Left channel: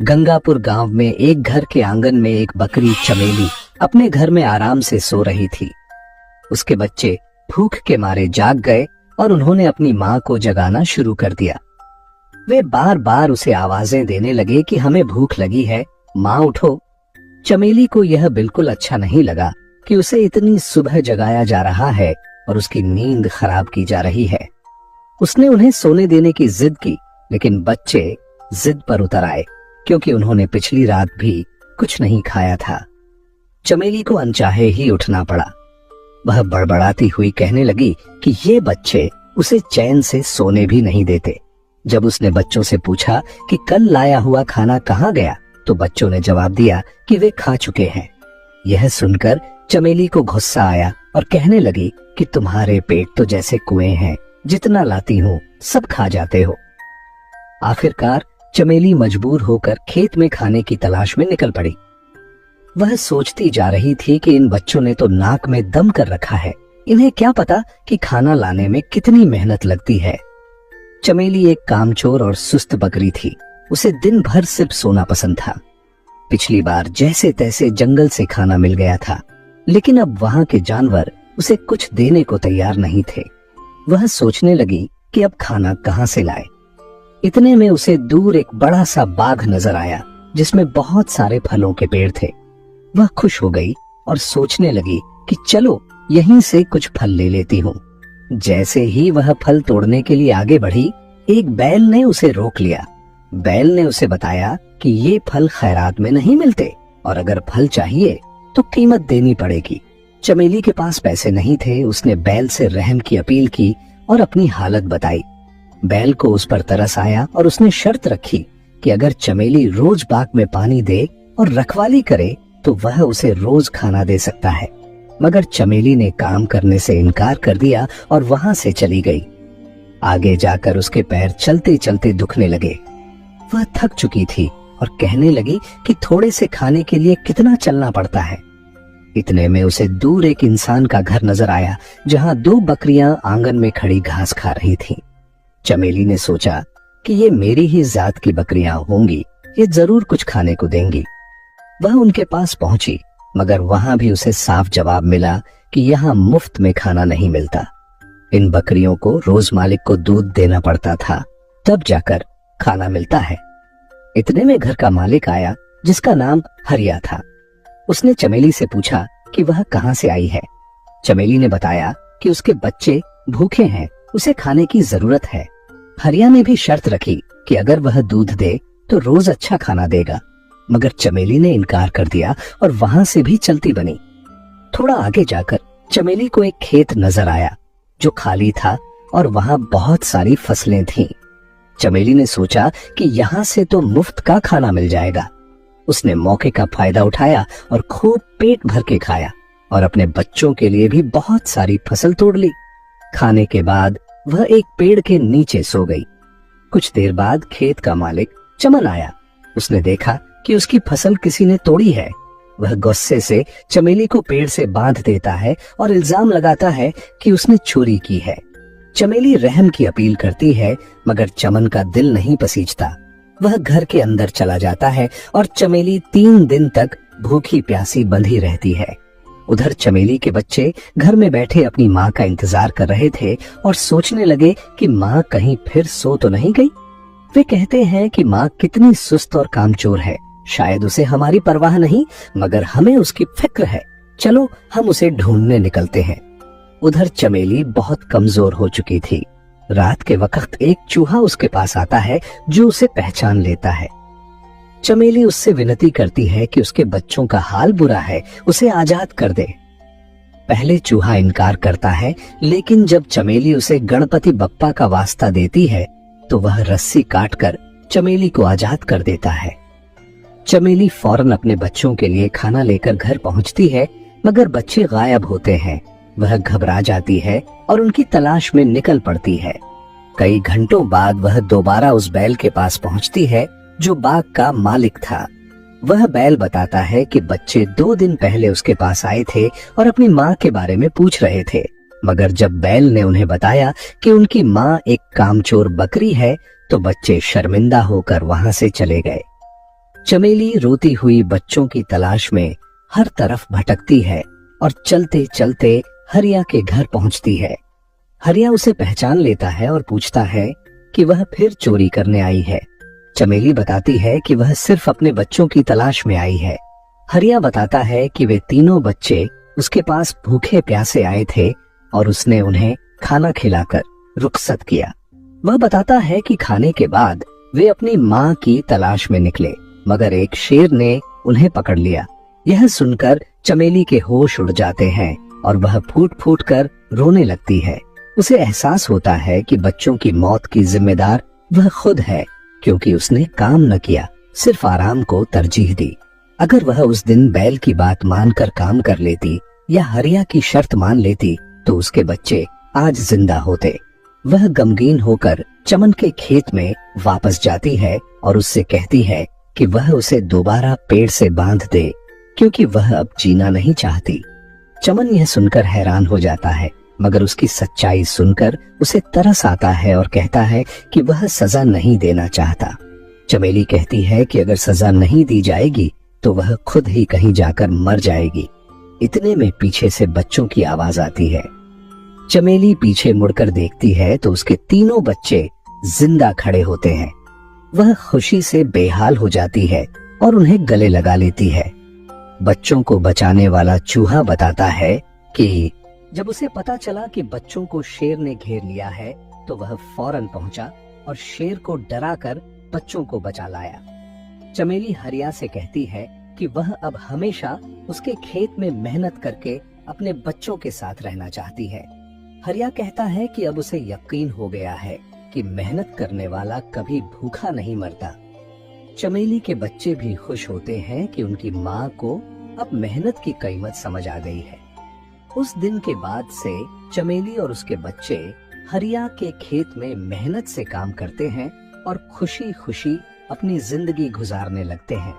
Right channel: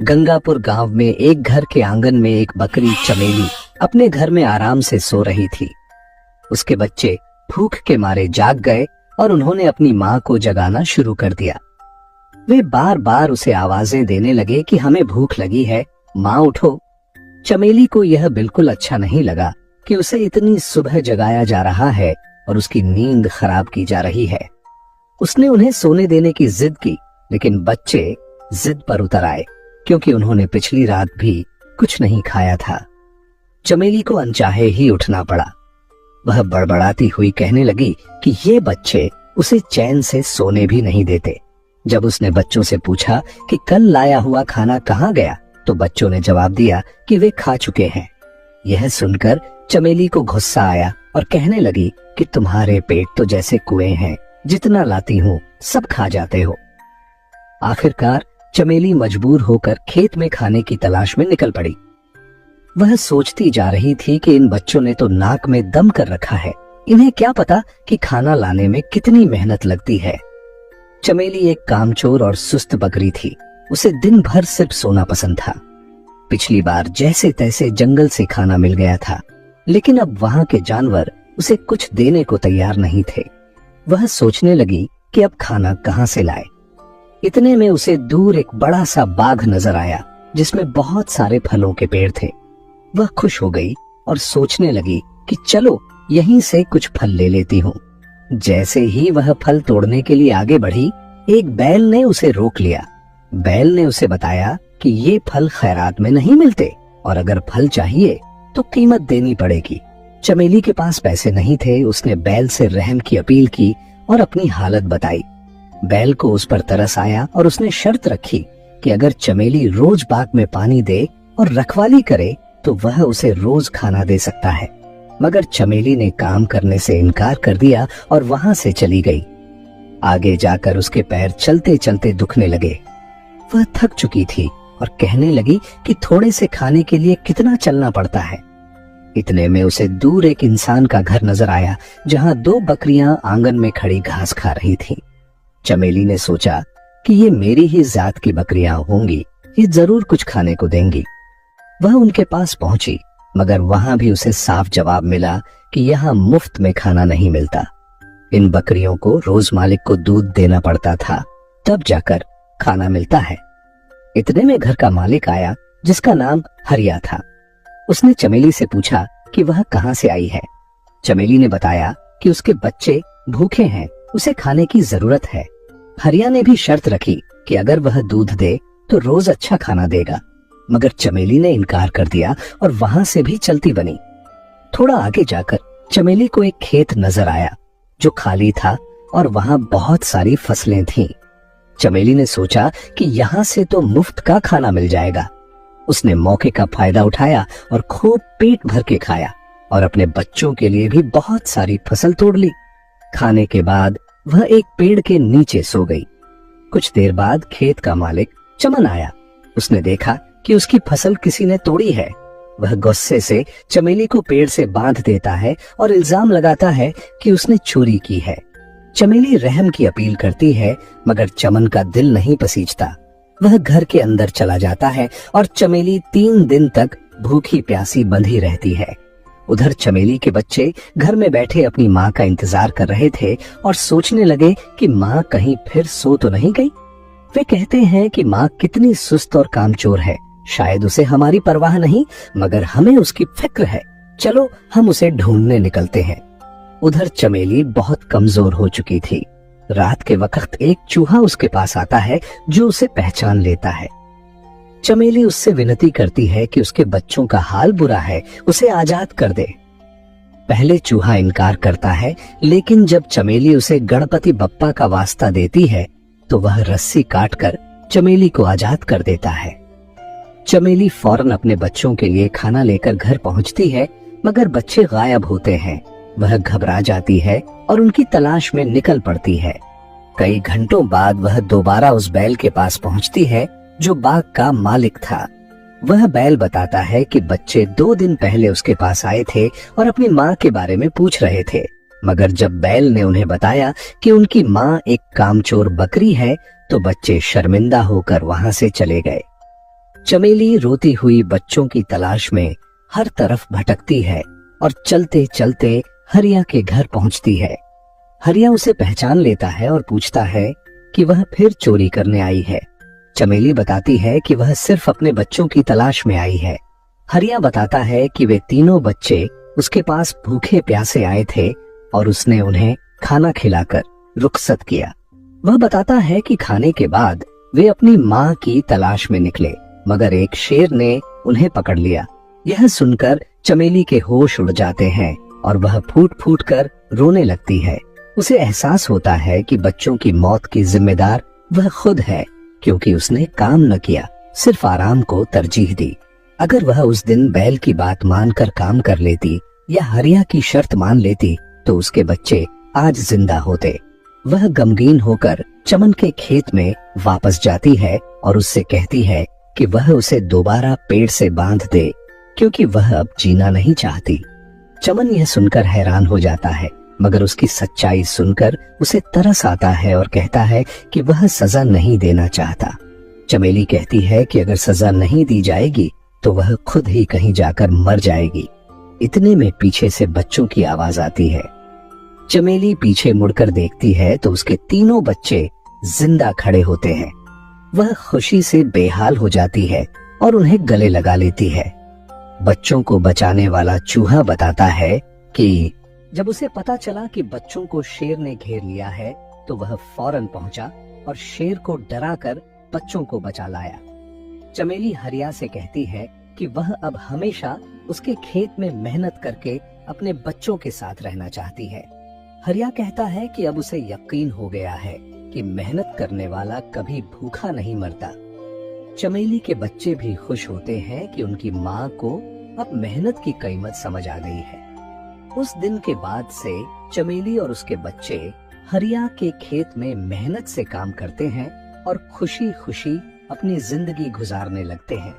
गंगापुर गांव में एक घर के आंगन में एक बकरी चमेली अपने घर में आराम से सो रही थी। उसके बच्चे भूख के मारे जाग गए और उन्होंने अपनी माँ को जगाना शुरू कर दिया। वे बार बार उसे आवाजें देने लगे कि हमें भूख लगी है, माँ उठो। चमेली को यह बिल्कुल अच्छा नहीं लगा कि उसे इतनी सुबह जगाया जा रहा है और उसकी नींद खराब की जा रही है। उसने उन्हें सोने देने की जिद की, लेकिन बच्चे जिद पर उतर आए क्योंकि उन्होंने पिछली रात भी कुछ नहीं खाया था। चमेली को अनचाहे ही उठना पड़ा। वह बड़बड़ाती हुई कहने लगी कि ये बच्चे उसे चैन से सोने भी नहीं देते। जब उसने बच्चों से पूछा कि कल लाया हुआ खाना कहाँ गया, तो बच्चों ने जवाब दिया कि वे खा चुके हैं। यह सुनकर चमेली को गुस्सा आया और कहने लगी कि तुम्हारे पेट तो जैसे कुएं हैं, जितना लाती हो सब खा जाते हो। आखिरकार चमेली मजबूर होकर खेत में खाने की तलाश में निकल पड़ी। वह सोचती जा रही थी कि इन बच्चों ने तो नाक में दम कर रखा है, इन्हें क्या पता कि खाना लाने में कितनी मेहनत लगती है। चमेली एक कामचोर और सुस्त बकरी थी। उसे दिन भर सिर्फ सोना पसंद था। पिछली बार जैसे तैसे जंगल से खाना मिल गया था, लेकिन अब वहां के जानवर उसे कुछ देने को तैयार नहीं थे। वह सोचने लगी कि अब खाना कहां से लाए। इतने में उसे दूर एक बड़ा सा बाग नजर आया जिसमें बहुत सारे फलों के पेड़ थे। वह खुश हो गई और सोचने लगी कि चलो यहीं से कुछ फल ले लेती हूँ। जैसे ही वह फल तोड़ने के लिए आगे बढ़ी, एक बैल ने उसे रोक लिया। बैल ने उसे बताया कि ये फल खैरात में नहीं मिलते और अगर फल चाहिए तो कीमत देनी पड़ेगी। चमेली के पास पैसे नहीं थे। उसने बैल से रहम की अपील की और अपनी हालत बताई। बैल को उस पर तरस आया और उसने शर्त रखी कि अगर चमेली रोज बाग में पानी दे और रखवाली करे तो वह उसे रोज खाना दे सकता है। मगर चमेली ने काम करने से इनकार कर दिया और वहां से चली गई। आगे जाकर उसके पैर चलते चलते दुखने लगे। वह थक चुकी थी और कहने लगी कि थोड़े से खाने के लिए कितना चलना पड़ता है। इतने में उसे दूर एक इंसान का घर नजर आया जहां दो बकरियां आंगन में खड़ी घास खा रही थीं। चमेली ने सोचा कि ये मेरी ही जात की बकरियां होंगी, ये जरूर कुछ खाने को देंगी। वह उनके पास पहुंची, मगर वहां भी उसे साफ जवाब मिला कि यहाँ मुफ्त में खाना नहीं मिलता। इन बकरियों को रोज मालिक को दूध देना पड़ता था, तब जाकर खाना मिलता है। इतने में घर का मालिक आया जिसका नाम हरिया था। उसने चमेली से पूछा कि वह कहाँ से आई है। चमेली ने बताया कि उसके बच्चे भूखे हैं, उसे खाने की जरूरत है। हरिया ने भी शर्त रखी कि अगर वह दूध दे तो रोज अच्छा खाना देगा, मगर चमेली ने इनकार कर दिया और वहां से भी चलती बनी। थोड़ा आगे जाकर चमेली को एक खेत नजर आया जो खाली था और वहां बहुत सारी फसलें थीं। चमेली ने सोचा कि यहाँ से तो मुफ्त का खाना मिल जाएगा। उसने मौके का फायदा उठाया और खूब पेट भर के खाया और अपने बच्चों के लिए भी बहुत सारी फसल तोड़ ली। खाने के बाद वह एक पेड़ के नीचे सो गई। कुछ देर बाद खेत का मालिक चमन आया। उसने देखा कि उसकी फसल किसी ने तोड़ी है। वह गुस्से से चमेली को पेड़ से बांध देता है और इल्जाम लगाता है कि उसने चोरी की है। चमेली रहम की अपील करती है, मगर चमन का दिल नहीं पसीजता। वह घर के अंदर चला जाता है और चमेली 3 दिन तक भूखी प्यासी बंधी रहती है। उधर चमेली के बच्चे घर में बैठे अपनी माँ का इंतजार कर रहे थे और सोचने लगे कि माँ कहीं फिर सो तो नहीं गई। वे कहते हैं कि माँ कितनी सुस्त और कामचोर है, शायद उसे हमारी परवाह नहीं, मगर हमें उसकी फिक्र है। चलो हम उसे ढूंढने निकलते हैं। उधर चमेली बहुत कमजोर हो चुकी थी। रात के वक्त एक चूहा उसके पास आता है जो उसे पहचान लेता है। चमेली उससे विनती करती है कि उसके बच्चों का हाल बुरा है, उसे आजाद कर दे। पहले चूहा इनकार करता है, लेकिन जब चमेली उसे गणपति बप्पा का वास्ता देती है तो वह रस्सी काटकर चमेली को आजाद कर देता है। चमेली फौरन अपने बच्चों के लिए खाना लेकर घर पहुंचती है, मगर बच्चे गायब होते हैं। वह घबरा जाती है और उनकी तलाश में निकल पड़ती है। कई घंटों बाद वह दोबारा उस बैल के पास पहुंचती है जो बाग का मालिक था। वह बैल बताता है कि बच्चे 2 दिन पहले उसके पास आए थे और अपनी माँ के बारे में पूछ रहे थे, मगर जब बैल ने उन्हें बताया कि उनकी माँ एक कामचोर बकरी है तो बच्चे शर्मिंदा होकर वहां से चले गए। चमेली रोती हुई बच्चों की तलाश में हर तरफ भटकती है और चलते चलते हरिया के घर पहुंचती है। हरिया उसे पहचान लेता है और पूछता है कि वह फिर चोरी करने आई है। चमेली बताती है कि वह सिर्फ अपने बच्चों की तलाश में आई है। हरिया बताता है कि वे तीनों बच्चे उसके पास भूखे प्यासे आए थे और उसने उन्हें खाना खिलाकर रुखसत किया। वह बताता है कि खाने के बाद वे अपनी माँ की तलाश में निकले, मगर एक शेर ने उन्हें पकड़ लिया। यह सुनकर चमेली के होश उड़ जाते हैं और वह फूट फूट कर रोने लगती है। उसे एहसास होता है कि बच्चों की मौत की जिम्मेदार वह खुद है, क्योंकि उसने काम न किया, सिर्फ आराम को तरजीह दी। अगर वह उस दिन बैल की बात मानकर काम कर लेती या हरिया की शर्त मान लेती तो उसके बच्चे आज जिंदा होते। वह गमगीन होकर चमन के खेत में वापस जाती है और उससे कहती है कि वह उसे दोबारा पेड़ से बांध दे, क्योंकि वह अब जीना नहीं चाहती। चमन यह सुनकर हैरान हो जाता है, मगर उसकी सच्चाई सुनकर उसे तरस आता है और कहता है कि वह सजा नहीं देना चाहता। चमेली कहती है कि अगर सजा नहीं दी जाएगी तो वह खुद ही कहीं जाकर मर जाएगी। इतने में पीछे से बच्चों की आवाज आती है। चमेली पीछे मुड़कर देखती है तो उसके तीनों बच्चे जिंदा खड़े होते हैं। वह खुशी से बेहाल हो जाती है और उन्हें गले लगा लेती है। बच्चों को बचाने वाला चूहा बताता है कि जब उसे पता चला कि बच्चों को शेर ने घेर लिया है तो वह फौरन पहुंचा और शेर को डराकर बच्चों को बचा लाया। चमेली हरिया से कहती है कि वह अब हमेशा उसके खेत में मेहनत करके अपने बच्चों के साथ रहना चाहती है। हरिया कहता है कि अब उसे यकीन हो गया है कि मेहनत करने वाला कभी भूखा नहीं मरता। चमेली के बच्चे भी खुश होते हैं कि उनकी माँ को अब मेहनत की कीमत समझ आ गई है। उस दिन के बाद से चमेली और उसके बच्चे हरिया के खेत में मेहनत से काम करते हैं और खुशी खुशी अपनी जिंदगी गुजारने लगते हैं।